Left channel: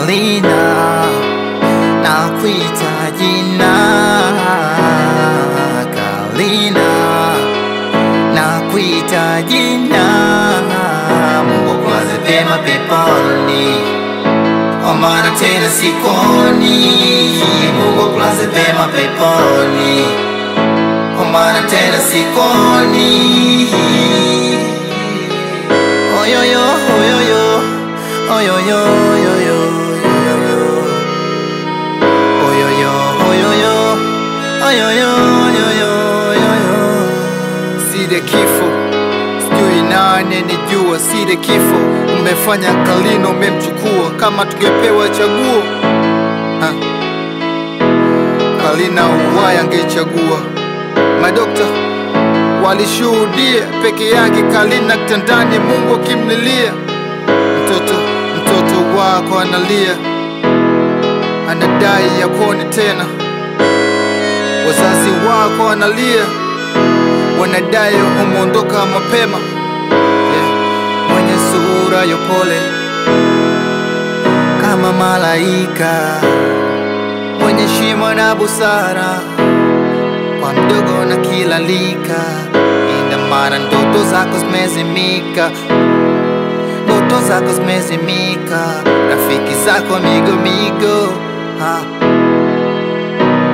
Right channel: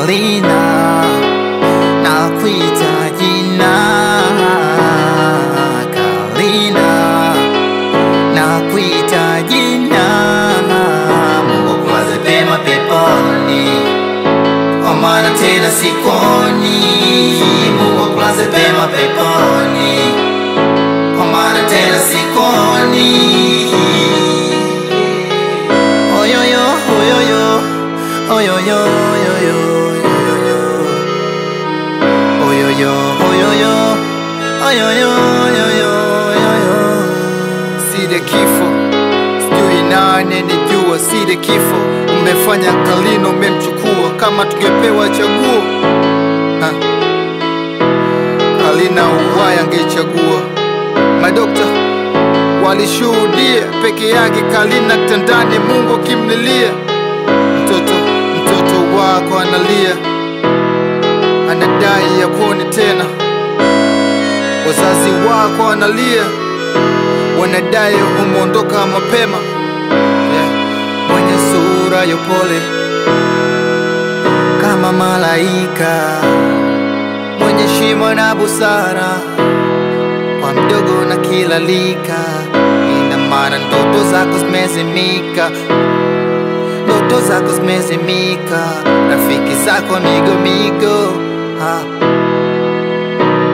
Kalina, nakuita jina. Kalina, nakuita jina. Mungu akulaze pema peponi, kwa maana tena sikoni. Mungu akulaze pema peponi, kwa maana tena sikoni. Oyoyo, oyoyo, oyoyo, oyoyo, oyoyo, oyoyo, oyoyo, oyoyo, oyoyo, oyoyo. Side kifo, sijui nane ni jua. Side kifo, umefanya Kalina umemchukua. Kama tungepewa chaguo, Kalina uhai angechagua. Madokta walishuhudia peke yake Kalina kitandani, Mungu akimlilia. Mtoto wako analia, anadai ya kuone tena. Wazazi wako analia, wanadai umeondoka mapema. Mwenye sura ya upole kama malaika, mwenye heshima na busara, kwa mdogo na kila lika. Ina maana ndoto zako zimezimika, ndoto zako zimezimika. Rafiki zako migo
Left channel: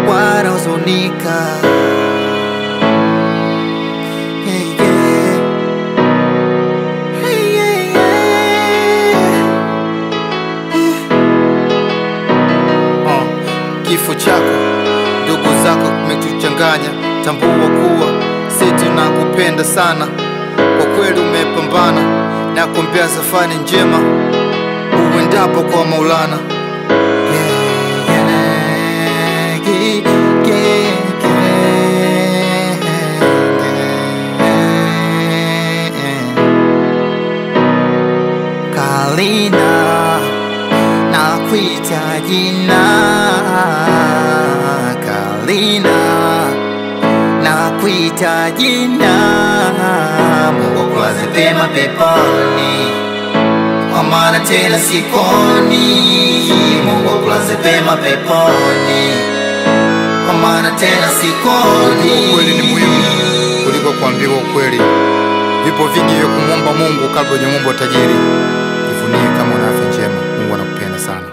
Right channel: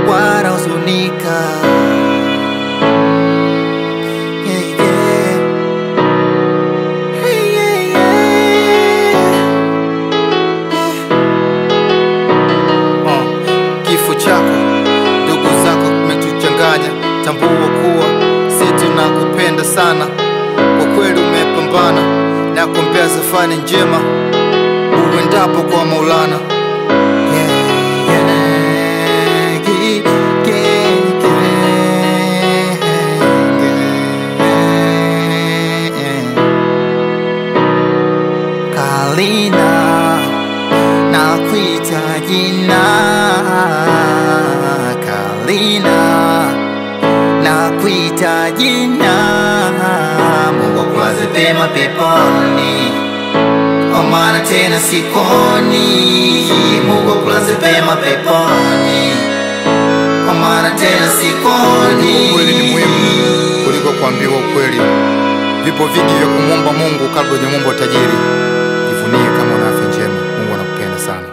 wanahuzunika. Yeah, yeah. Hey, yeah, yeah. Yeah. Kifo chako, ndugu zako kimetuchanganya. Tambua kuwa sisi tunakupenda sana. Kwa kweli umepambana, na kuombea safari njema uendapo kwa Maulana. Yeah, yeah, yeah, yeah, yeah, yeah. Kalina, nakuita jina. Kalina, nakuita jina. Mungu akulaze pema peponi, kwa maana tena sikoni. Mungu akulaze pema peponi, kwa maana tena sikoni. Kujua ukweli ni muhimu kuliko kuambiwa ukweli. Vipo vingi vya kumwomba Mungu kabla hujamwomba tajiri. Jivunie kama una afya njema. Mungu anakupenda sana.